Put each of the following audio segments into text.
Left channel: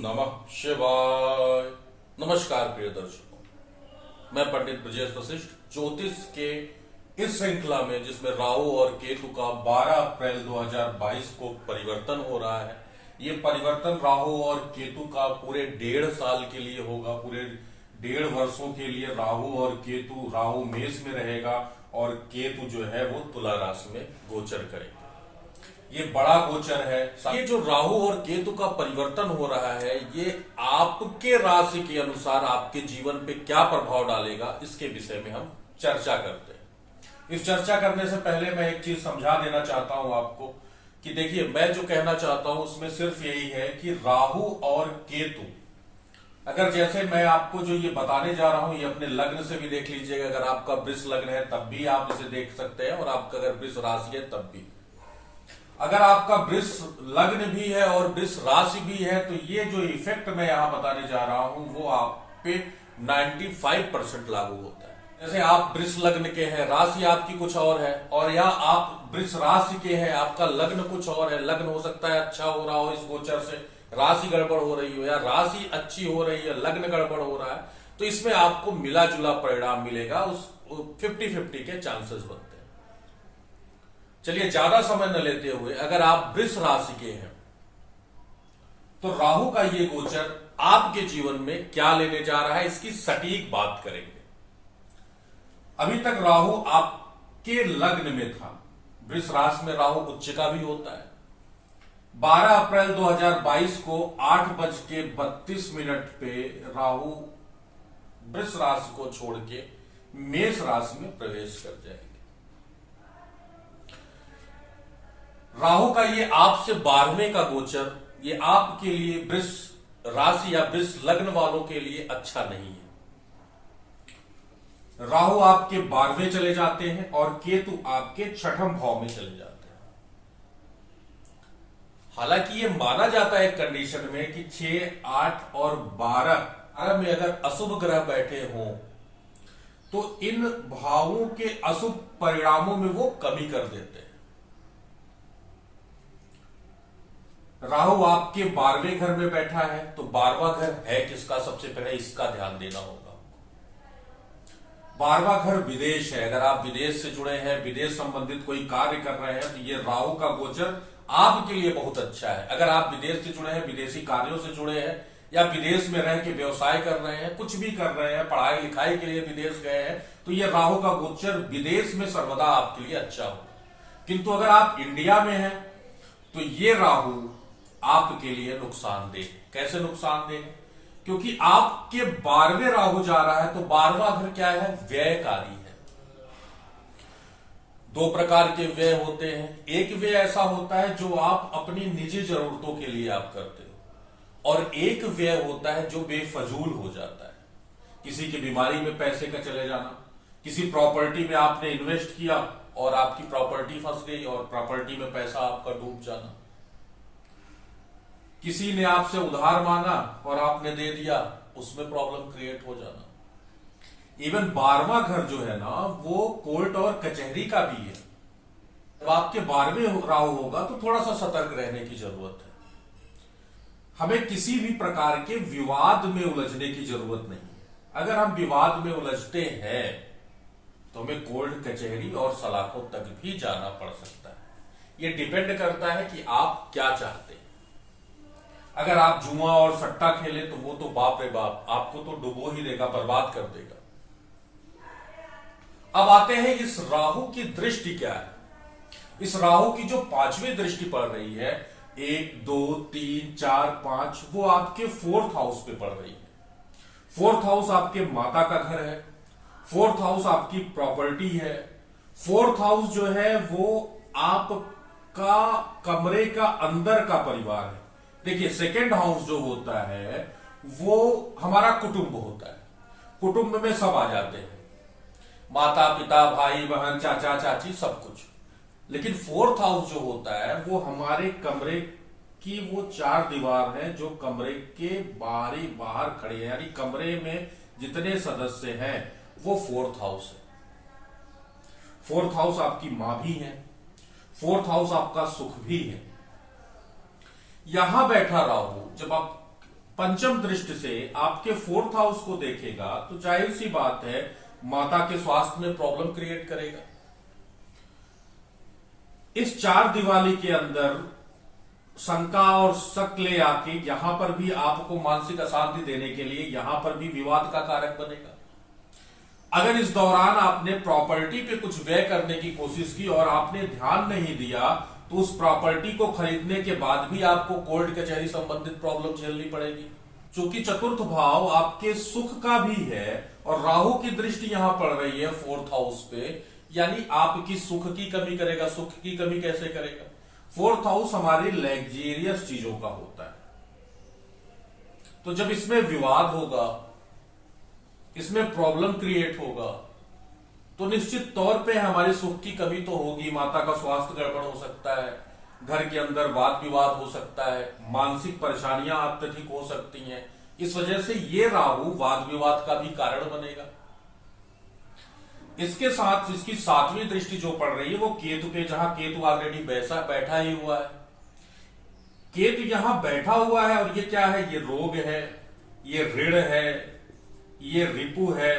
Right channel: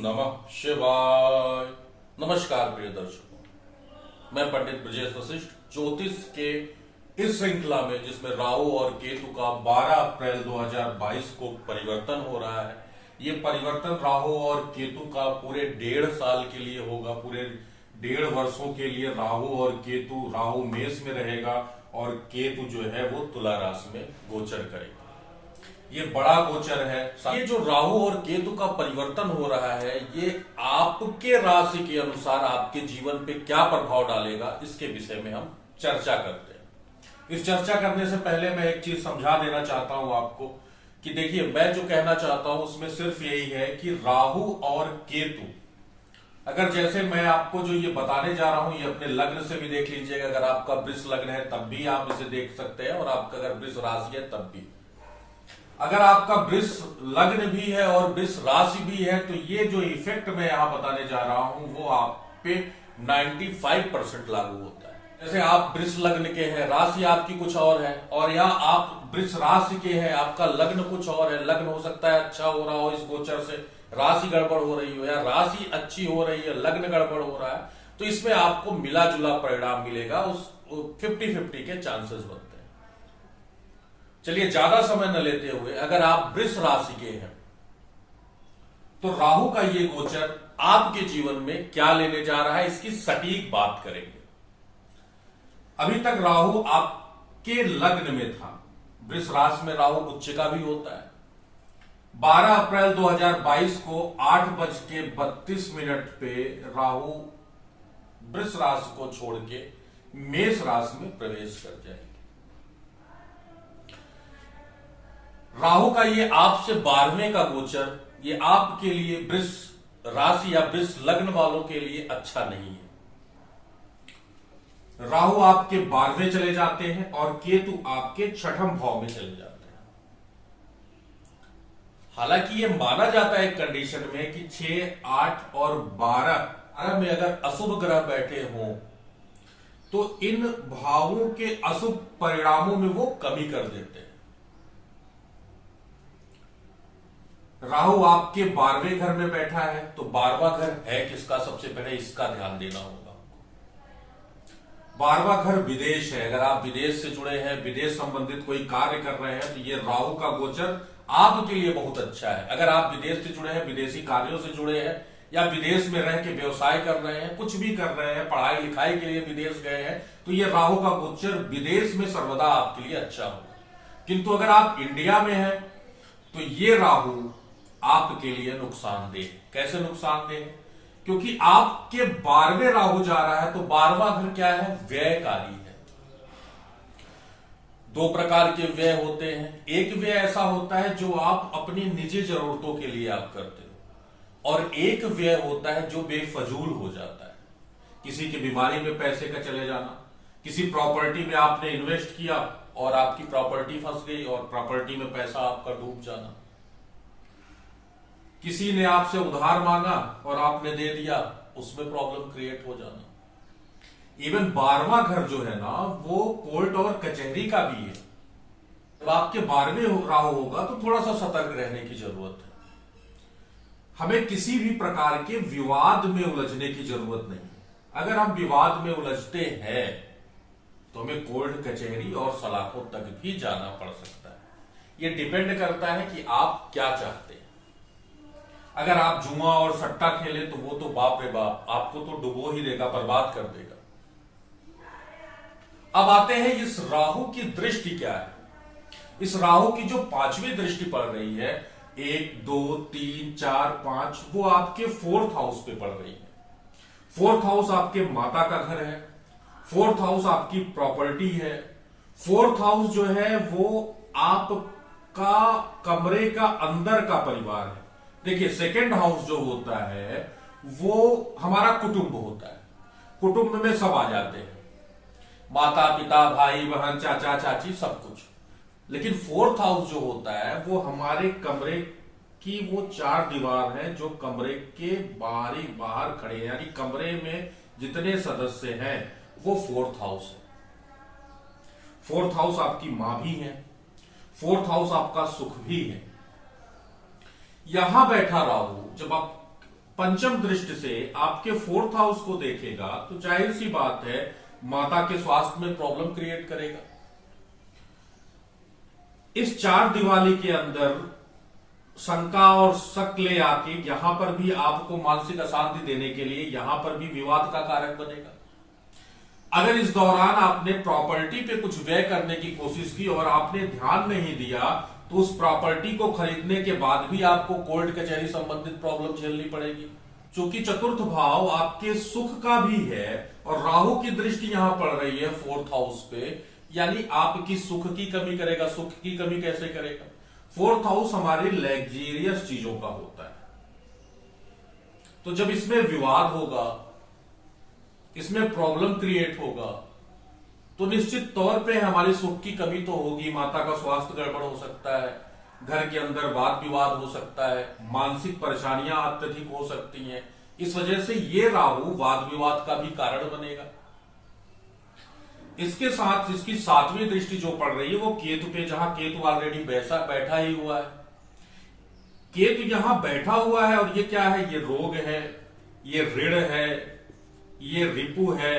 नमः शिवाय। नमस्कार प्रिय दर्शकों, मैं पंडित ब्रजेश वशिष्ठ ज्योतिष के इस श्रृंखला में जिसमें राहु और केतु का 12 अप्रैल 2022 को परिवर्तन हो रहा है। ये परिवर्तन राहु और केतु का पूरे 1.5 साल के लिए होगा। पूरे 1.5 वर्षों के लिए राहु और केतु, राहु मेष में रहेगा और केतु जो है वो तुला राशि में गोचर करेगा। ये बड़ा गोचर है। ये जो राहु और केतु का परिवर्तन हो रहा है, ये आपके राशि के अनुसार आपके जीवन पे क्या प्रभाव डालेगा, इसके विषय में हम चर्चा करते हैं। इस चर्चा करने से पहले मैं एक चीज समझा देना चाहता हूं आपको कि देखिए, मैं जो कहना चाहता हूं उसमें सिर्फ यही है कि राहु और केतु, अगर जैसे मैं आपको जो ये बताने जा रहा हूं, ये अपने लग्न से भी देख लीजिएगा। अगर आपका वृष लग्न है तब भी आप इसे देख सकते हैं, और आपका अगर वृष राशि है तब भी। अगर आपका वृष लग्न भी है और वृष राशि भी है, तो ये जो इफेक्ट मैं यहां बताने जा रहा हूं वो आप पे 95% लागू होता है। जैसे आप वृष लग्न के हैं, राशि आपकी कुछ और है, और या आप वृष राशि के हैं, आपका लग्न कुछ और है। लग्न हो सकता है अच्छा हो रहा हो इस गोचर से, राशि गड़बड़ हो रही हो, या राशि अच्छी हो रही है, लग्न गड़बड़ हो रहा है, तो इसमें आपको मिला जुला परिणाम मिलेगा। उस 50-50 के चांसेस बनते हैं। चलिए, ज्यादा समय न लेते हुए, अगर आप वृष राशि के हैं तो राहु का ये गोचर आपके जीवन में क्या लेने जा रहा है, इसकी सटीक बात करेंगे। अभी तक राहु आपके लग्न में था। वृष राशि में राहु उच्च का भी होता है। 12 अप्रैल 2022 को 8:32 पे राहु वृष राशि को छोड़ के मेष राशि में प्रवेश कर जाएंगे। राहु का ये आपसे 12वें का गोचर, ये आपके लिए वृष राशि या वृष लग्न वालों के लिए अच्छा नहीं है। राहु आपके 12वें चले जाते हैं और केतु आपके 6ठम भाव में चले जाते हैं। हालांकि ये माना जाता है कंडीशन में कि 6, 8 और 12 में अगर अशुभ ग्रह बैठे हों तो इन भावों के अशुभ परिणामों में वो कमी कर देते हैं। राहु आपके 12वें घर में बैठा है, तो 12वां घर है किसका, सबसे पहले इसका ध्यान देना होगा। 12वां घर विदेश है। अगर आप विदेश से जुड़े हैं, विदेश संबंधित कोई कार्य कर रहे हैं, तो ये राहु का गोचर आपके लिए बहुत अच्छा है। अगर आप विदेश से जुड़े हैं, विदेशी कार्यों से जुड़े हैं, या विदेश में रह के व्यवसाय कर रहे हैं, कुछ भी कर रहे हैं, पढ़ाई लिखाई के लिए विदेश गए हैं, तो ये राहु का गोचर विदेश में सर्वदा आपके लिए अच्छा होगा। किंतु अगर आप इंडिया में हैं तो ये राहु आपके लिए नुकसानदेह है। कैसे नुकसानदेह है? क्योंकि आपके 12वें राहु जा रहा है, तो 12वां घर क्या है, व्ययकारी है। 2 प्रकार के व्यय होते हैं। एक व्यय ऐसा होता है जो आप अपनी निजी जरूरतों के लिए आप करते हो, और एक व्यय होता है जो बेफजूल हो जाता है। किसी की बीमारी में पैसे का चले जाना, किसी प्रॉपर्टी में आपने इन्वेस्ट किया और आपकी प्रॉपर्टी फंस गई और प्रॉपर्टी में पैसा आपका डूब जाना, किसी ने आपसे उधार मांगा और आपने दे दिया, उसमें प्रॉब्लम क्रिएट हो जाना। इवन 12वां घर जो है ना, वो कोर्ट और कचहरी का भी है। जब आपके 12वें राहु होगा तो थोड़ा सा सतर्क रहने की जरूरत है। हमें किसी भी प्रकार के विवाद में उलझने की जरूरत नहीं है। अगर हम विवाद में उलझते हैं तो हमें कोर्ट, कचहरी और सलाखों तक भी जाना पड़ सकता है। ये डिपेंड करता है कि आप क्या चाहते हैं। अगर आप जुआ और सट्टा खेले तो वो तो बाप रे बाप, आपको तो डुबो ही देगा, बर्बाद कर देगा। अब आते हैं इस राहु की दृष्टि क्या है। इस राहु की जो 5वीं दृष्टि पड़ रही है, 1, 2, 3, 4, 5, वो आपके 4th हाउस पे पड़ रही है। 4th हाउस आपके माता का घर है। 4th हाउस आपकी प्रॉपर्टी है। 4th हाउस जो है वो आपका कमरे का अंदर का परिवार है। देखिए, 2nd हाउस जो होता है वो हमारा कुटुंब होता है। कुटुंब में सब आ जाते हैं, माता पिता, भाई बहन, चाचा चाची, सब कुछ। लेकिन 4th हाउस जो होता है वो हमारे कमरे की वो 4 दीवार है जो कमरे के बाहर खड़े हैं, यानी कमरे में जितने सदस्य हैं वो 4th हाउस है। 4th हाउस आपकी मां भी है। 4th हाउस आपका सुख भी है। यहां बैठा राहु जब आप पंचम दृष्टि से आपके 4th हाउस को देखेगा तो जाहिर सी बात है माता के स्वास्थ्य में प्रॉब्लम क्रिएट करेगा। इस 4 दिवाली के अंदर शंका और शक ले आके यहां पर भी आपको मानसिक अशांति देने के लिए यहां पर भी विवाद का कारक बनेगा। अगर इस दौरान आपने प्रॉपर्टी पे कुछ व्यय करने की कोशिश की और आपने ध्यान नहीं दिया तो उस प्रॉपर्टी को खरीदने के बाद भी आपको कोर्ट कचहरी संबंधित प्रॉब्लम झेलनी पड़ेगी। क्योंकि चतुर्थ भाव आपके सुख का भी है और राहु की दृष्टि यहां पड़ रही है 4th हाउस पे, यानी आपकी सुख की कमी करेगा। सुख की कमी कैसे करेगा? 4th हाउस हमारी लग्जेरियस चीजों का होता है, तो जब इसमें विवाद होगा, इसमें प्रॉब्लम क्रिएट होगा, तो निश्चित तौर पे हमारी सुख की कमी तो होगी। माता का स्वास्थ्य गड़बड़ हो सकता है, घर के अंदर वाद विवाद हो सकता है, मानसिक परेशानियां अत्यधिक हो सकती हैं। इस वजह से ये राहु वाद विवाद का भी कारण बनेगा। इसके साथ इसकी 7वीं दृष्टि जो पड़ रही है वो केतु पे, जहां केतु ऑलरेडी बैठा ही हुआ है। केतु यहां बैठा हुआ है और ये क्या है? ये रोग है, ये ऋण है, ये रिपु है।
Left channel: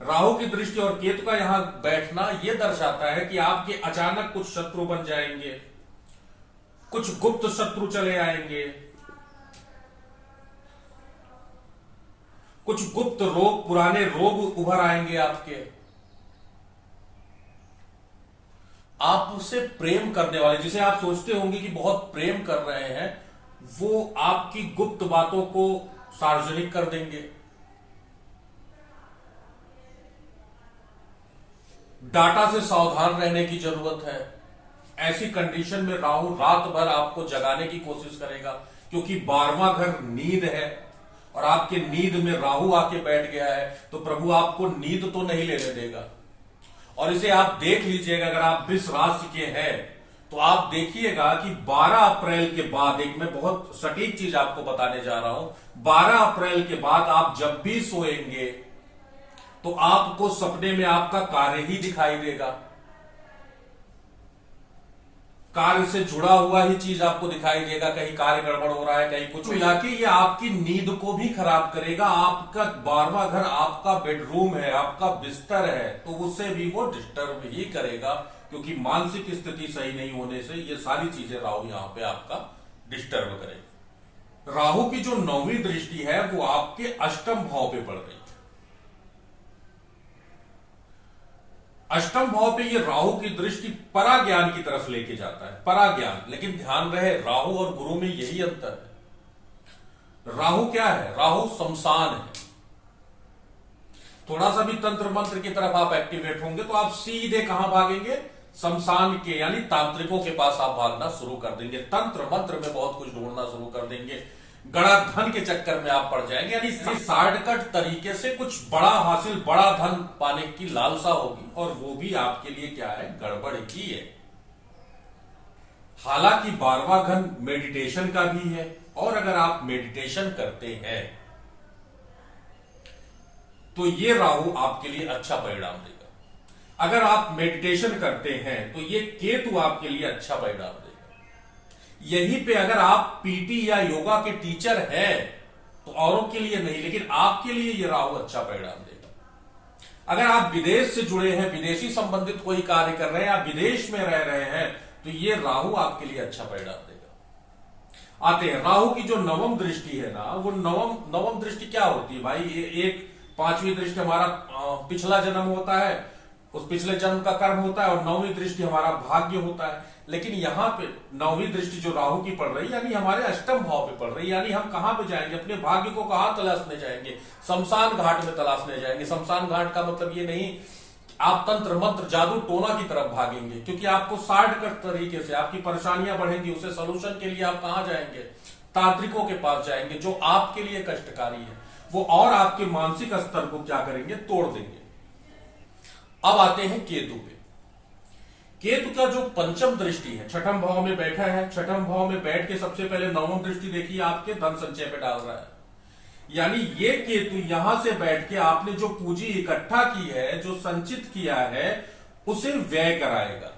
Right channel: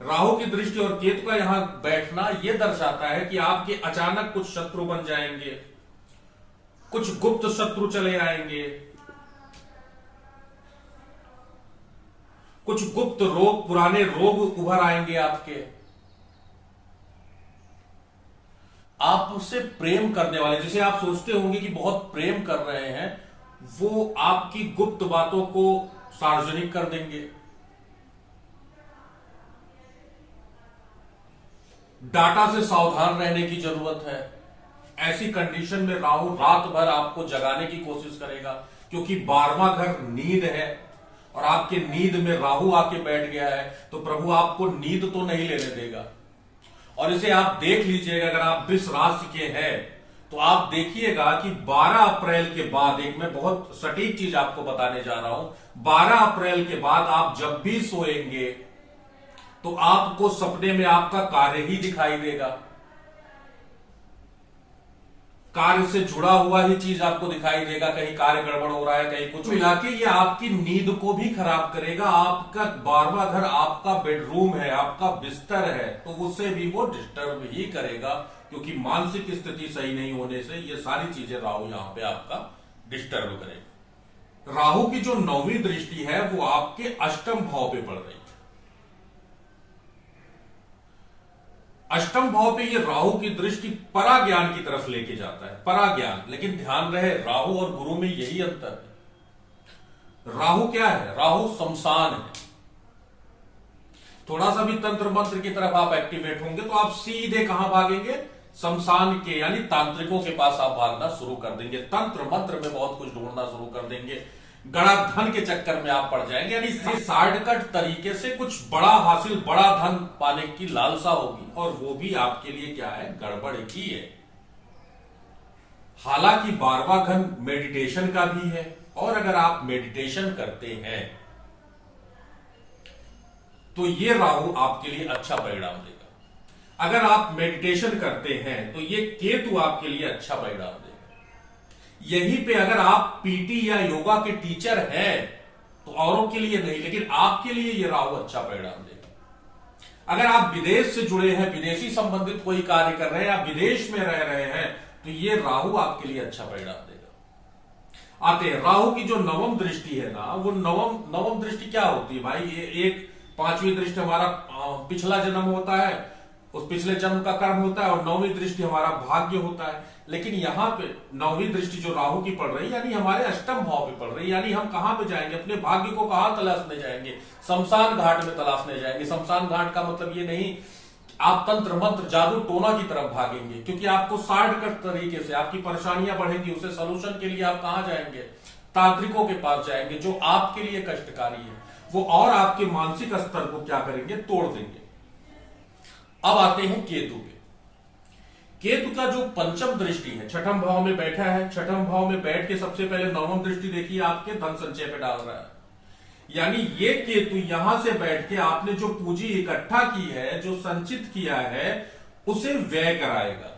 राहु की दृष्टि और केतु का यहां बैठना यह दर्शाता है कि आपके अचानक कुछ शत्रु बन जाएंगे, कुछ गुप्त शत्रु चले आएंगे, कुछ गुप्त रोग, पुराने रोग उभर आएंगे आपके। आपसे प्रेम करने वाले, जिसे आप सोचते होंगे कि बहुत प्रेम कर रहे हैं, वो आपकी गुप्त बातों को सार्वजनिक कर देंगे। डाटा से सावधान रहने की जरूरत है। ऐसी कंडीशन में राहु रात भर आपको जगाने की कोशिश करेगा, क्योंकि 12वां घर नींद है और आपके नींद में राहु आके बैठ गया है, तो प्रभु आपको नींद तो नहीं लेने देगा। और इसे आप देख लीजिएगा, अगर आप वृष राशि के हैं तो आप देखिएगा कि 12 अप्रैल के बाद, एक मैं बहुत सटीक चीज आपको बताने जा रहा हूं, 12 अप्रैल के बाद आप जब भी सोएंगे तो आपको सपने में आपका कार्य ही दिखाई देगा। कार्य से जुड़ा हुआ ही चीज आपको दिखाई देगा। कहीं कार्य गड़बड़ हो रहा है, कहीं कुछ मिला के ये आपकी नींद को भी खराब करेगा। आपका 12वां घर आपका बेडरूम है, आपका बिस्तर है, तो उससे भी वो डिस्टर्ब ही करेगा, क्योंकि मानसिक स्थिति सही नहीं होने से ये सारी चीजें राहु यहां पे आपका डिस्टर्ब करेगा। राहु की जो 9वीं दृष्टि है वो आपके 8म भाव पे पड़ रही है। 8म भाव पे ये राहु की दृष्टि पराज्ञान की तरफ लेके जाता है, पराज्ञान। लेकिन ध्यान रहे, राहु और गुरु में यही अंतर है। राहु क्या है? राहु शमशान है। थोड़ा सा भी तंत्र मंत्र की तरफ आप एक्टिवेट होंगे तो आप सीधे कहां भागेंगे? शमशान के, यानी तांत्रिकों के पास आप भागना शुरू कर देंगे। तंत्र मंत्र में बहुत कुछ ढूंढना शुरू कर देंगे, गड़ा धन के चक्कर में आप पड़ जाएंगे। यानी शॉर्टकट तरीके से कुछ बड़ा हासिल, बड़ा धन पाने की लालसा होगी, और वो भी आपके लिए क्या है? गड़बड़ ही है। हालांकि 12वां घर मेडिटेशन का भी है, और अगर आप मेडिटेशन करते हैं तो ये राहु आपके लिए अच्छा परिणाम देगा। अगर आप मेडिटेशन करते हैं तो ये केतु आपके लिए अच्छा परिणाम देगा। यहीं पे अगर आप पीटी या योगा के टीचर हैं तो औरों के लिए नहीं, लेकिन आपके लिए ये राहु अच्छा परिणाम देगा। अगर आप विदेश से जुड़े हैं, विदेशी संबंधित कोई कार्य कर रहे हैं या विदेश में रह रहे हैं, तो ये राहु आपके लिए अच्छा परिणाम देगा। आते हैं राहु की जो 9वीं दृष्टि है ना, वो नवम दृष्टि क्या होती है भाई? ये एक 5वीं दृष्टि हमारा पिछला जन्म होता है, उस पिछले जन्म का कर्म होता है, और 9वीं दृष्टि हमारा भाग्य होता है। लेकिन यहां पे 9वीं दृष्टि जो राहु की पड़ रही है, यानी हमारे 8म भाव पे पड़ रही है, यानी हम कहां पे जाएंगे? अपने भाग्य को कहां तलाशने जाएंगे? शमशान घाट में तलाशने जाएंगे। शमशान घाट का मतलब ये नहीं आप तंत्र मंत्र जादू टोना की तरफ भागेंगे, क्योंकि आपको शॉर्टकट तरीके से आपकी परेशानियां बढ़ेंगी। उसे सोल्यूशन के लिए आप कहां जाएंगे? तांत्रिकों के पास जाएंगे, जो आपके लिए कष्टकारी है वो, और आपके मानसिक स्तर को क्या करेंगे? तोड़ देंगे। अब आते हैं केतु पे। केतु का जो 5म दृष्टि है, 6ठम भाव में बैठा है। 6ठम भाव में बैठ के सबसे पहले 9वीं दृष्टि देखिए आपके धन संचय पे डाल रहा है। यानी ये केतु यहां से बैठ के आपने जो पूंजी इकट्ठा की है, जो संचित किया है, उसे व्यय कराएगा।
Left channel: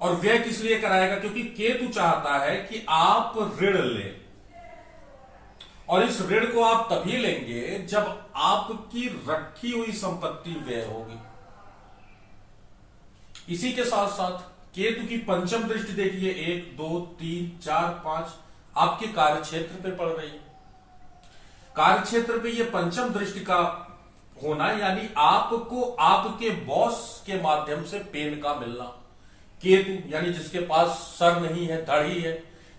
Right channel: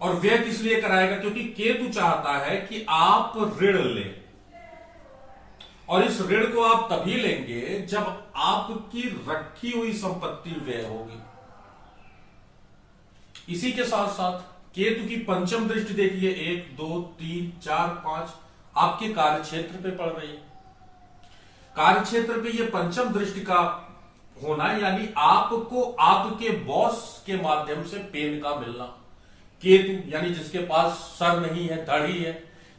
और व्यय किस लिए कराएगा? क्योंकि केतु चाहता है कि आप ऋण लें, और इस ऋण को आप तभी लेंगे जब आपकी रखी हुई संपत्ति व्यय होगी। इसी के साथ साथ केतु की पंचम दृष्टि देखिए, 1 2 3 4 5 आपके कार्य क्षेत्र पे पड़ रही है। कार्य क्षेत्र पे ये पंचम दृष्टि का होना यानी आपको आपके बॉस के माध्यम से पेन का मिलना। केतु यानी जिसके पास सर नहीं है, धड़ ही है,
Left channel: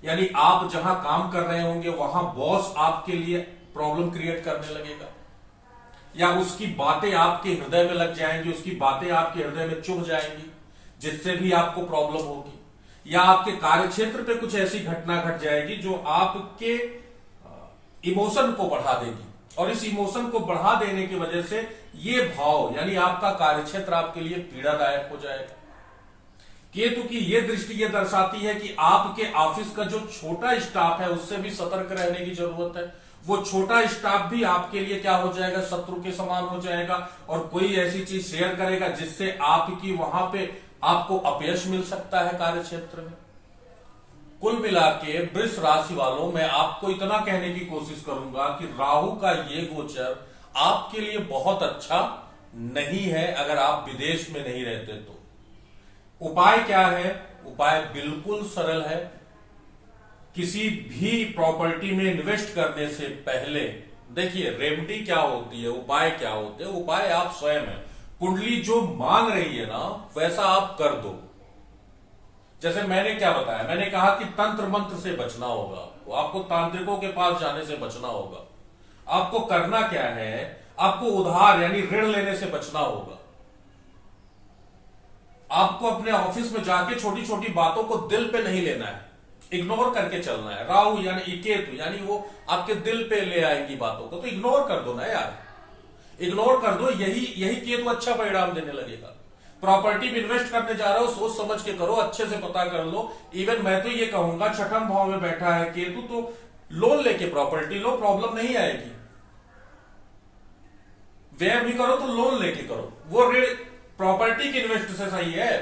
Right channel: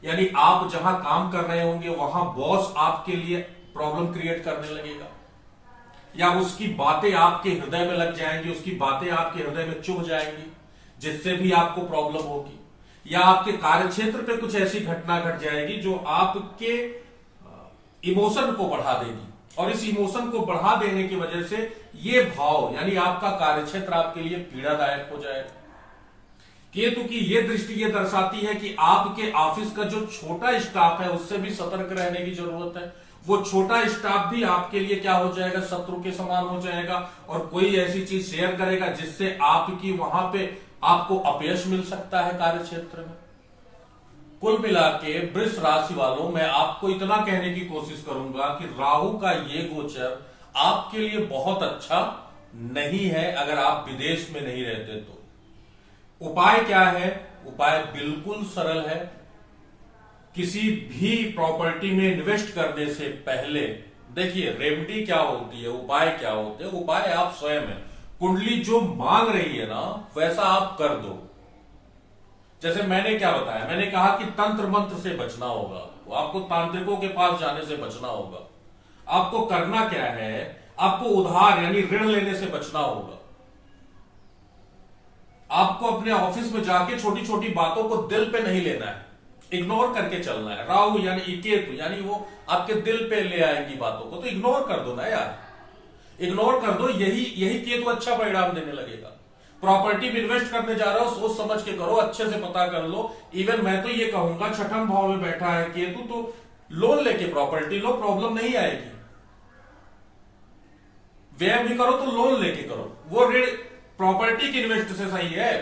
यानी आप जहां काम कर रहे होंगे वहां बॉस आपके लिए प्रॉब्लम क्रिएट करने लगेगा, या उसकी बातें आपके हृदय में लग जाएंगी, उसकी बातें आपके हृदय में चुभ जाएंगी, जिससे भी आपको प्रॉब्लम होगी, या आपके कार्यक्षेत्र पे कुछ ऐसी घटना घट जाएगी जो आपके इमोशन को बढ़ा देगी, और इस इमोशन को बढ़ा देने की वजह से ये भाव यानी आपका कार्यक्षेत्र आपके लिए पीड़ादायक हो जाएगा। केतु की यह दृष्टि यह दर्शाती है कि आपके ऑफिस का जो छोटा स्टाफ है उससे भी सतर्क रहने की जरूरत है। वो छोटा स्टाफ भी आपके लिए क्या हो जाएगा? शत्रु के समान हो जाएगा, और कोई ऐसी चीज शेयर करेगा जिससे आपकी वहां पे आपको अपयश मिल सकता है कार्य क्षेत्र में। कुल मिला के वृष राशि वालों, मैं आपको इतना कहने की कोशिश करूंगा कि राहु का ये गोचर आपके लिए बहुत अच्छा नहीं है अगर आप विदेश में नहीं रहते तो। उपाय क्या है? उपाय बिल्कुल सरल है। किसी भी प्रॉपर्टी में इन्वेस्ट करने से पहले देखिए रेमेडी क्या होती है, उपाय क्या होते हैं। उपाय आप स्वयं है, कुंडली जो मांग रही है ना वैसा आप कर दो। जैसे मैंने क्या बताया, मैंने कहा कि तंत्र मंत्र से बचना होगा, आपको तांत्रिकों के पास जाने से बचना होगा। आपको करना क्या है? आपको उधार यानी ऋण लेने से बचना होगा। आपको अपने ऑफिस में जाके छोटी छोटी बातों को दिल पे नहीं लेना है, इग्नोर करके चलना है। राहु यानी केतु यानी वो आपके दिल पे ले आएगी बातों को, तो इग्नोर कर दो ना यार, इग्नोर कर दो। यही केतु अच्छा परिणाम देने लगेगा। प्रॉपर्टी में इन्वेस्ट करने जा रहे हो, सोच समझ के करो, अच्छे से पता कर लो। इवन मैं तो ये कहूंगा छठम भाव में बैठा है केतु, तो लोन लेके प्रॉपर्टी लो, प्रॉब्लम नहीं आएगी। व्यय भी करो तो लोन लेके करो, वो ऋण प्रॉपर्टी की इन्वेस्ट से सही है।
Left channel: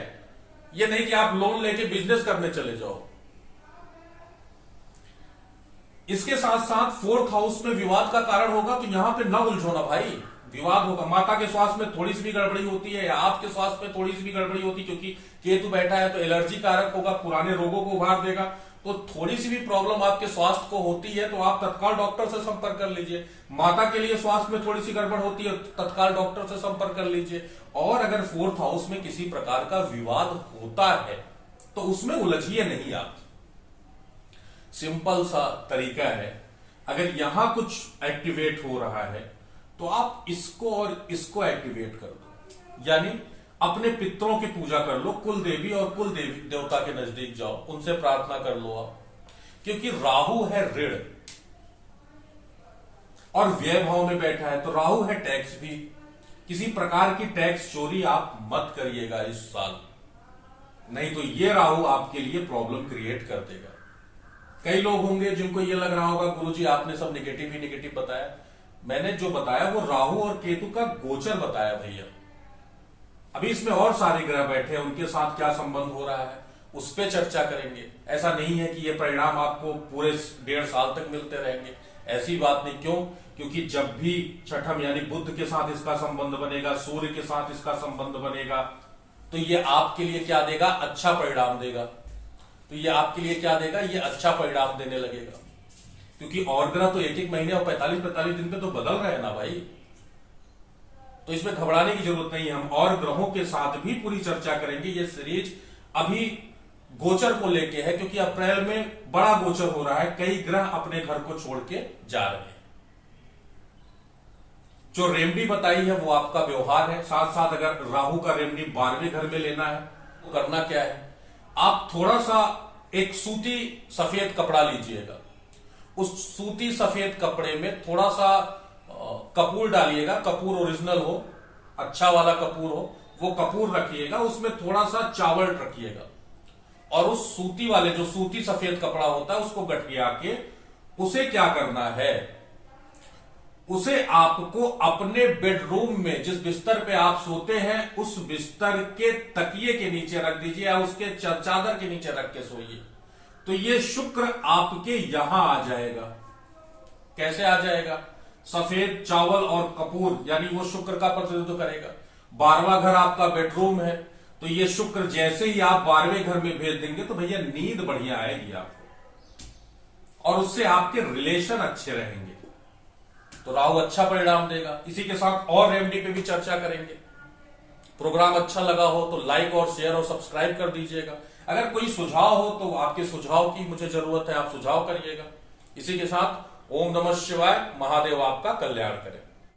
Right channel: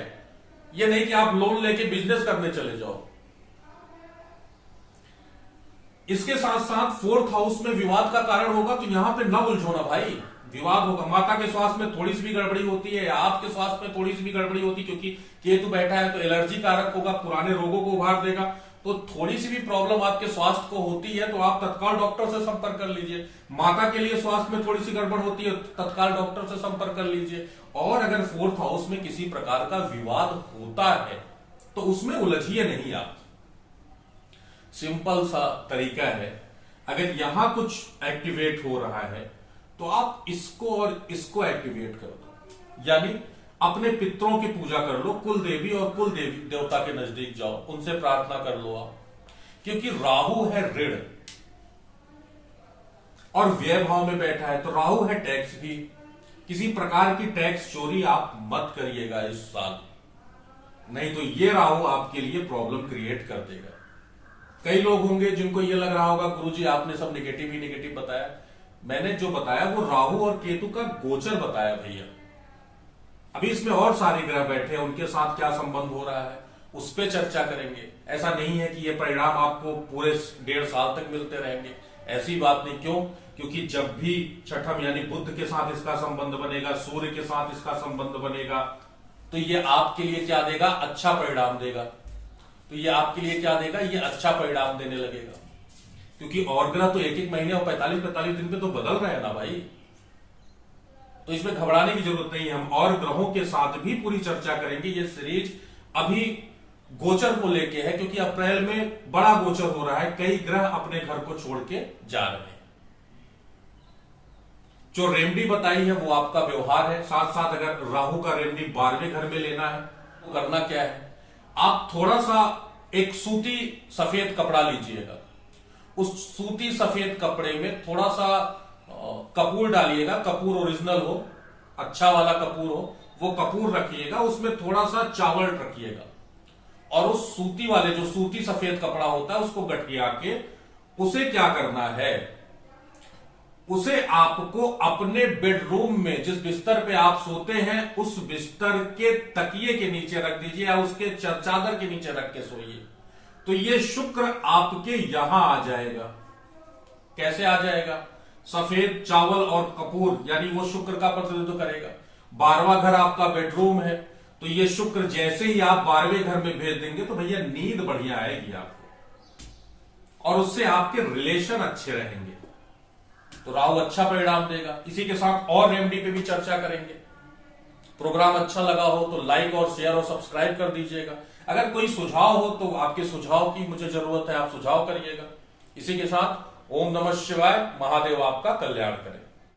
ये नहीं कि आप लोन लेके बिजनेस करने चले जाओ। इसके साथ साथ 4th हाउस में विवाद का कारण होगा, तो यहां पे ना उलझो ना भाई, विवाद होगा। माता के स्वास्थ्य में थोड़ी सी भी गड़बड़ी होती है या आपके स्वास्थ्य में थोड़ी सी भी गड़बड़ी होती है, क्योंकि केतु बैठा है तो एलर्जी कारक होगा, पुराने रोगों को उभार देगा। तो थोड़ी सी भी प्रॉब्लम आपके स्वास्थ्य को होती है तो आप तत्काल डॉक्टर से संपर्क कर लीजिए। माता के लिए स्वास्थ्य में थोड़ी सी गड़बड़ होती है, तत्काल डॉक्टर से संपर्क कर लीजिए। और अगर 4th हाउस में किसी प्रकार का विवाद होता है तो उसमें उलझिए नहीं आप। सिंपल सा तरीका है, अगर यहां कुछ एक्टिवेट हो रहा है तो आप इसको और इसको एक्टिवेट कर दो। यानी अपने पितरों की पूजा कर लो, कुल देवी और कुल देवी देवता के नजदीक जाओ, उनसे प्रार्थना कर लो आप। क्योंकि राहु है ऋण और व्यय भाव में बैठा है, तो राहु है टैक्स भी। किसी प्रकार की टैक्स चोरी आप मत करिएगा इस साल, नहीं तो ये राहु आपके लिए प्रॉब्लम क्रिएट कर देगा। कई लोग होंगे जिनको ये लग रहा होगा गुरुजी आपने सब निगेटिव ही निगेटिव बताया। मैंने जो बताया वो राहु और केतु का गोचर बताया भैया। अभी इसमें और सारे ग्रह बैठे हैं, उनके साथ क्या संबंध हो रहा है उस पर चर्चा करेंगे। ऐसा नहीं है कि ये परिणाम आपको पूरे 1.5 साल तक मिलते रहेंगे, ऐसी बात नहीं। क्यों? क्योंकि जब भी छठम यानी बुध के साथ इसका संबंध बनेगा, सूर्य के साथ इसका संबंध बनेगा, तो ये आपके लिए क्या देगा? अच्छा परिणाम देगा। तो ये आपके लिए क्या देगा? ये अच्छा परिणाम देने लगेगा। क्योंकि और ग्रह तो 1-1 महीने और 45-45 दिन पे तो बदल रहे हैं ना भाई, तो इसमें घबराने की जरूरत नहीं है। हम और ग्रहों के साथ भी पूरी चर्चा करेंगे। ये सीरीज अभी गोचर को लेके है, क्योंकि अप्रैल में बड़ा गोचर हो रहा है, कई ग्रह अपने घर को छोड़ के जा रहे हैं। जो रेमेडी बताई है वो आपका व्यवहार है। साथ साथ अगर राहु का रेमेडी 12वें घर में लेना है तो करना क्या है? आप थोड़ा सा एक सूती सफेद कपड़ा लीजिएगा, उस सूती सफेद कपड़े में थोड़ा सा कपूर डालिएगा। कपूर ओरिजिनल हो, अच्छा वाला कपूर हो, वो कपूर रखिएगा। उसमें थोड़ा सा चावल रखिएगा और उस सूती वाले जो सूती सफेद कपड़ा होता है उसको गठिया के उसे क्या करना है, उसे आपको अपने बेडरूम में जिस बिस्तर पे आप सोते हैं उस बिस्तर के तकिए के नीचे रख दीजिए या उसके चादर के नीचे रख के सोइए। तो ये शुक्र आपके यहां आ जाएगा। कैसे आ जाएगा? सफेद चावल और कपूर यानी वो शुक्र का प्रतिनिधित्व करेगा। 12वां घर आपका बेडरूम है, तो ये शुक्र जैसे ही आप 12वें घर में भेज देंगे तो भैया नींद बढ़िया आएगी आपको और उससे आपके रिलेशन अच्छे रहेंगे। तो राहु अच्छा परिणाम देगा। इसी के साथ और रेमेडी पे भी चर्चा करेंगे। प्रोग्राम अच्छा लगा हो तो लाइक और शेयर और सब्सक्राइब कर दीजिएगा। अगर कोई सुझाव हो तो आपके सुझाव की मुझे जरूरत है, आप सुझाव करिएगा। इसी के साथ ओम नमः शिवाय, महादेव आपका कल्याण करें।